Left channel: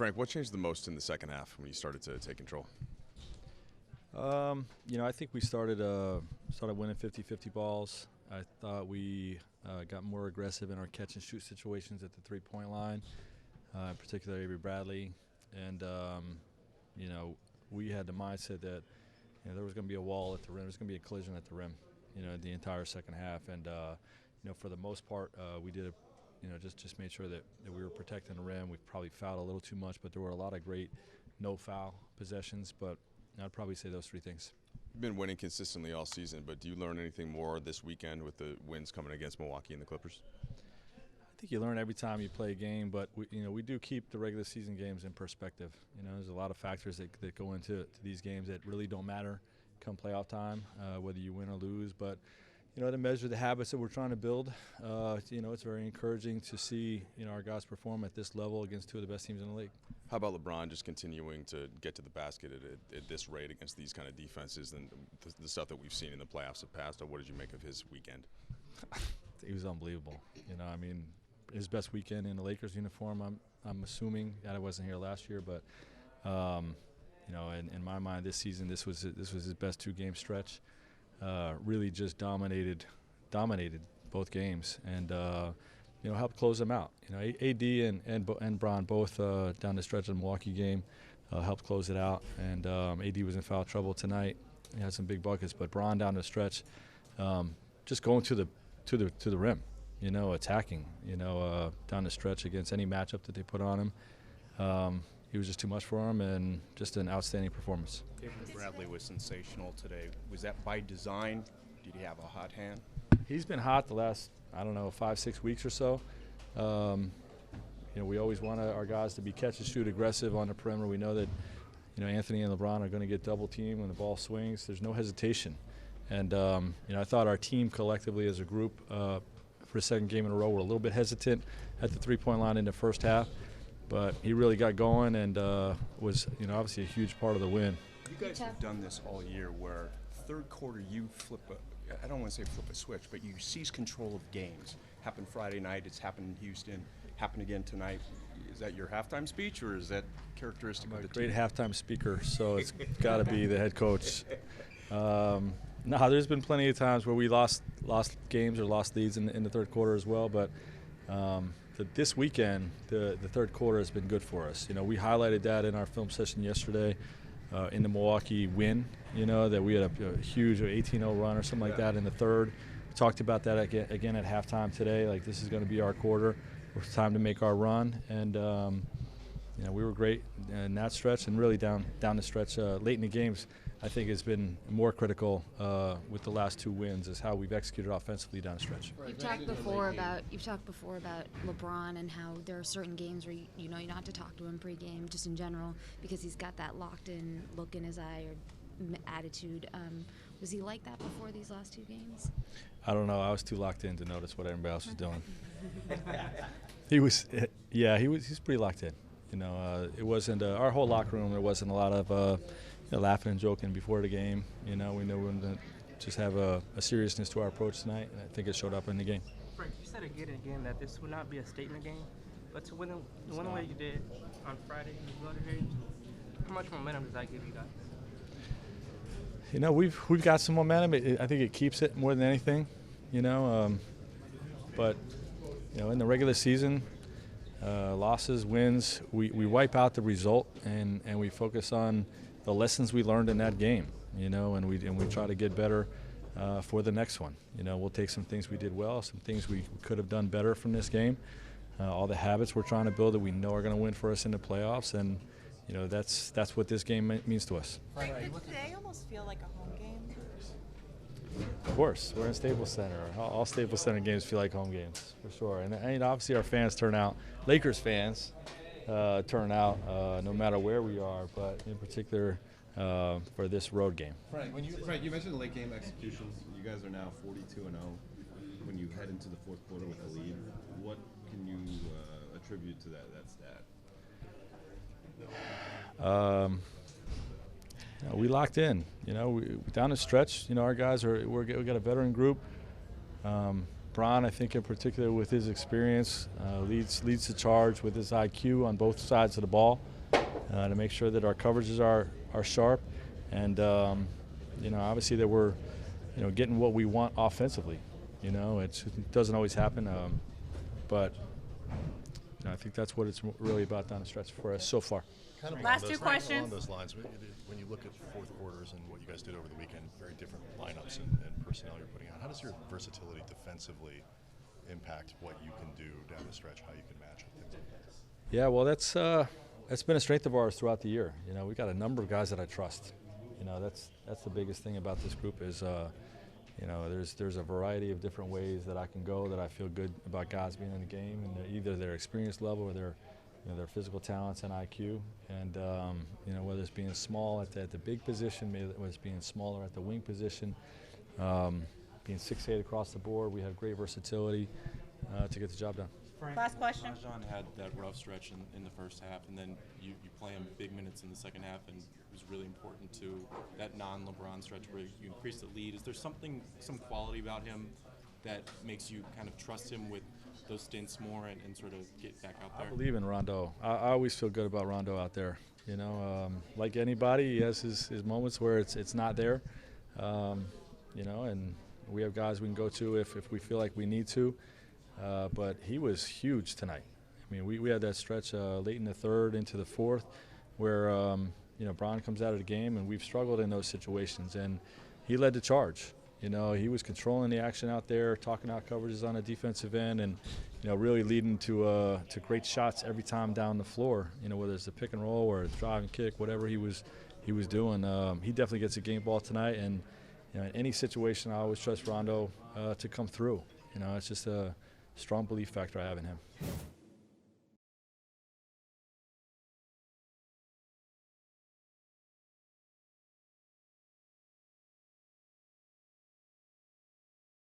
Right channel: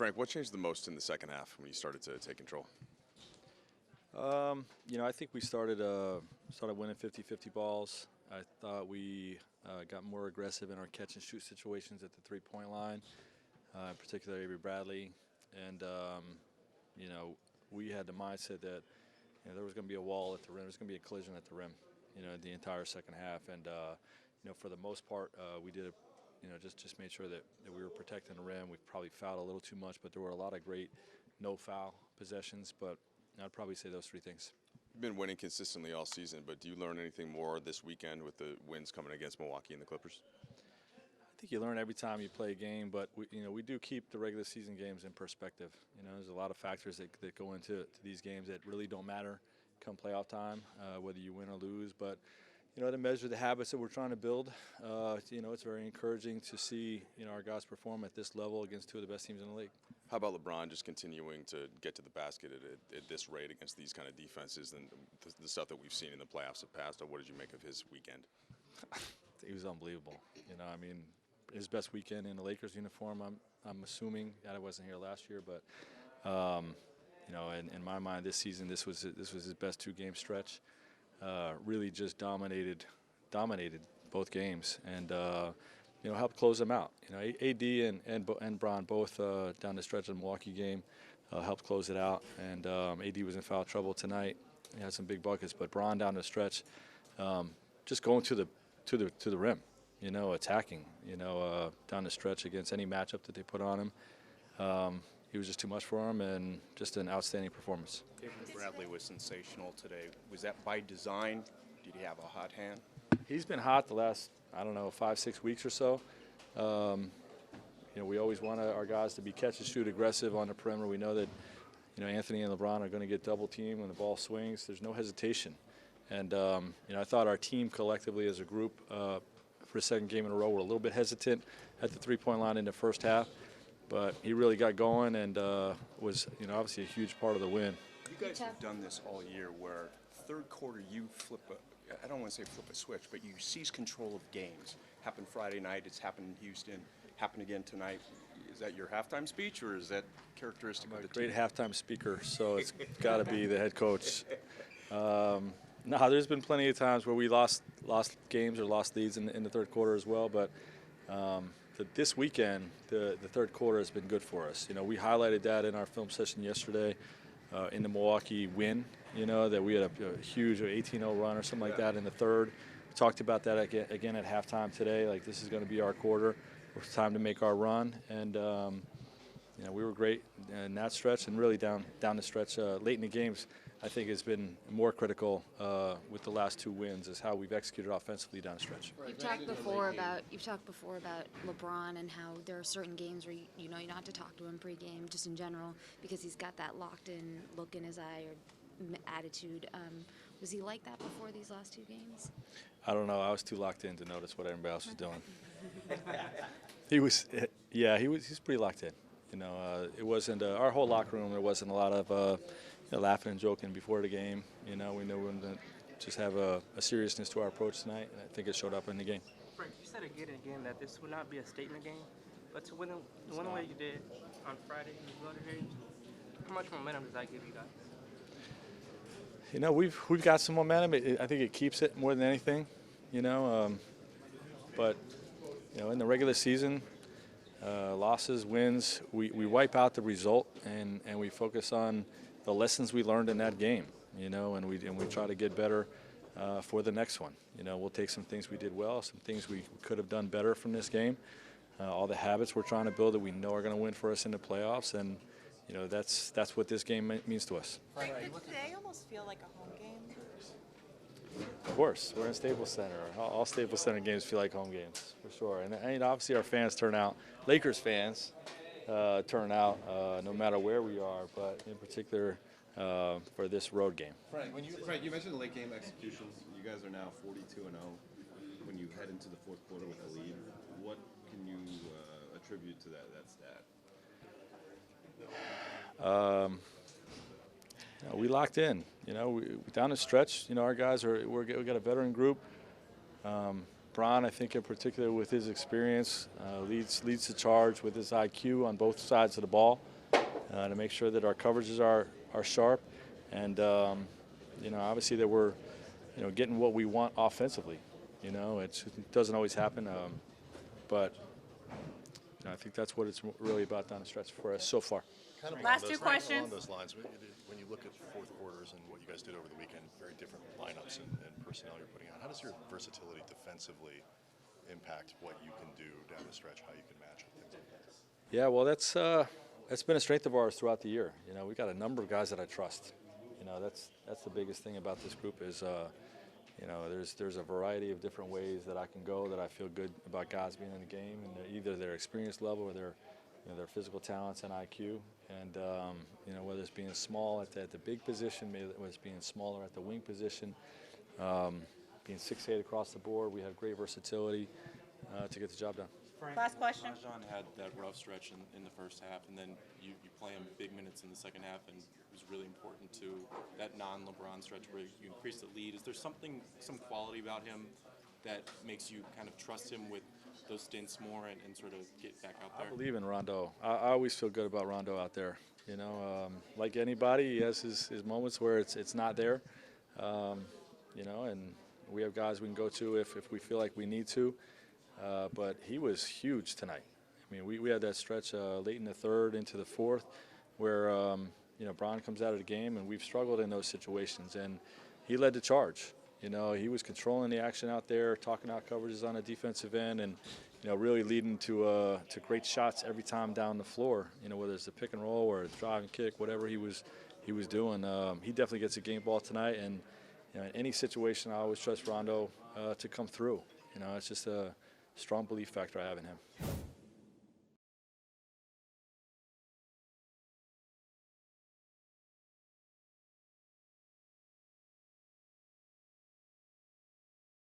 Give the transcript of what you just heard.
Frank, what changed the most in the second half when you started to take control? I think we started winning 50-50 balls. I thought we got more aggressive in our catch-and-shoot situations at the three-point line, particularly Avery Bradley. And, we had the mindset that there was going to be a wall at the rim. There was going to be a collision at the rim, the entire second half. And, for the most part, we did just made sure that we were protecting the rim. We probably fouled a little too much, but there were a lot of great no-foul possessions. But I'd probably say those three things. You've been winning consistently all season, but do you learn anything more this weekend with the wins coming against Milwaukee and the Clippers? I think you learn every time you play a game, but we do keep the regular season games in perspective. There's a lot of factors that go into these games that really don't matter come playoff time, whether you win or lose. But to measure the habits that we're trying to build, it's very encouraging to see our guys perform at this level against two of the best teams in the league. How about LeBron just continuing to get to the basket at this rate against these kind of defenses and the stuff that we've seen in the playoffs of past? What did you make of his weekend? He was unbelievable. His best weekend in the Lakers uniform. I'm assuming that I wasn't here last year, but in my mind, this season this was his best two-game stretch. Really just dominated both games and helped close them out. AD and Bron both down the stretch of the Milwaukee game helped close it out, and AD was in foul trouble tonight. He had some big buckets, but Bron down the stretch, just going to the rim. Attacking, down the stretch against any matchup that they put on him. He was just too much for him, and just an outstanding performance. Avery Bradley was sensational today. Was that by design? Did he have a hot hand? He's been hot the last, 5-6 weeks or so. We always want our guys to be catch-and-shoot aggressive on the perimeter. We know that, Anthony and LeBron are going to get double-teamed when the ball swings. There's no hesitation. And, I thought our team collectively as a group for the second game in a row were a little bit hesitant at the three-point line in the first half. But he really got going and was, obviously a huge part of the win. You guys have done this all year where third quarter you I don't want to say flip a switch, but you seize control of games. Happened Friday night, it's happened in Houston, happened again tonight. Is that your halftime speech or is that characteristic of the team? Great halftime speaker, so it's got to be the head coach. No, there's been plenty of times where we lost games or lost leads in the third quarter as well, but this weekend, the third quarter has been good for us. We highlighted that in our film session yesterday in the Milwaukee win, that we had a huge 18-0 run or something like that in the third. We talked about that again at halftime today, like this is going to be our quarter. It's time to make our run, and we were great in that stretch and really down the stretch late in the games. I think it's been more critical with the last two wins is how we've executed offensively down the stretch. You've talked before about LeBron and how there are certain games where you don't have to talk to him pregame, just in general, because he's got that locked-in look in his eye or attitude. Was he like that before these last two games? I don't know. I was too locked in to notice what everybody else was doing. He was pretty locked in. It wasn't our whole locker room. There wasn't a lot of laughing and joking before the game. We knew we were going to just have a seriousness to our approach tonight, and I think it showed up in the game. Frank, you said again and again that this would not be a statement game, but to win the way you did on Friday in the Golden Games, how much momentum does that give you guys? We've got some momentum. I think it keeps it more than anything, but in the regular season, losses, wins, we wipe out the result and we focus on the lessons we learned in that game, and we try to get better for the next one. We'll take some things we did well, some things we could have done better from this game, all the habits we're trying to build that we know are going to win for us in the playoffs, and that's what this game means to us. Frank, did today almost feel like a home game? Of course, we're in Staples Center. All Staples Center games feel like home games, for sure. And obviously our fans turn out, Lakers fans turn out no matter where we are, but in particular for this road game. Frank, you mentioned late game executions. You guys are now 42-0. When you head into the fourth quarter with a lead, what can you attribute to that stat? We locked in. We down the stretch. Our guys we got a veteran group. Bron, I think in particular with his experience, leads the charge with his IQ on both sides of the ball to make sure that our coverages are sharp, and obviously that we're getting what we want offensively. It doesn't always happen, but I think that's what it's really about down the stretch for us so far. Kind of Last along two those- questions. Along those lines, when you look at fourth quarters and what you guys did over the weekend, very different lineups and personnel you're putting out. How does your versatility defensively impact what you can do down the stretch, how you can match up things like that? Yeah, well, that's been a strength of ours throughout the year. We got a number of guys that I trust. That's the biggest thing about this group is there's a variety of different ways that I can go that I feel good about guys being in the game, and either their experience level or their physical talents and IQ, and whether it's being small at the big position, maybe whether it's being smaller at the wing position, being 6'8" across the board, we have great versatility to get the job done. Last question. Rajon had that rough stretch in the first half, and then you play him big minutes in the second half, and it was really important to that non-LeBron stretch where you increase the lead. Is there some quality about him that makes you kind of trust him with those stints more and sort of get back out there? I believe in Rondo. I always feel good about Rondo out there. Like anybody, he has his moments where it's not there, and we have guys we can go to if we feel like we need to. But he was huge tonight. I mean, we had that stretch late in the third into the fourth where, Bron comes out of the game, and we've struggled in those situations. And he led the charge. He was controlling the action out there, talking out coverages on the defensive end, and, really leading to great shots every time down the floor, whether it's a pick and roll or a drive and kick, whatever he was doing. He definitely gets a game ball tonight. And, in any situation, I always trust Rondo to come through. It's just a strong belief factor I have in him.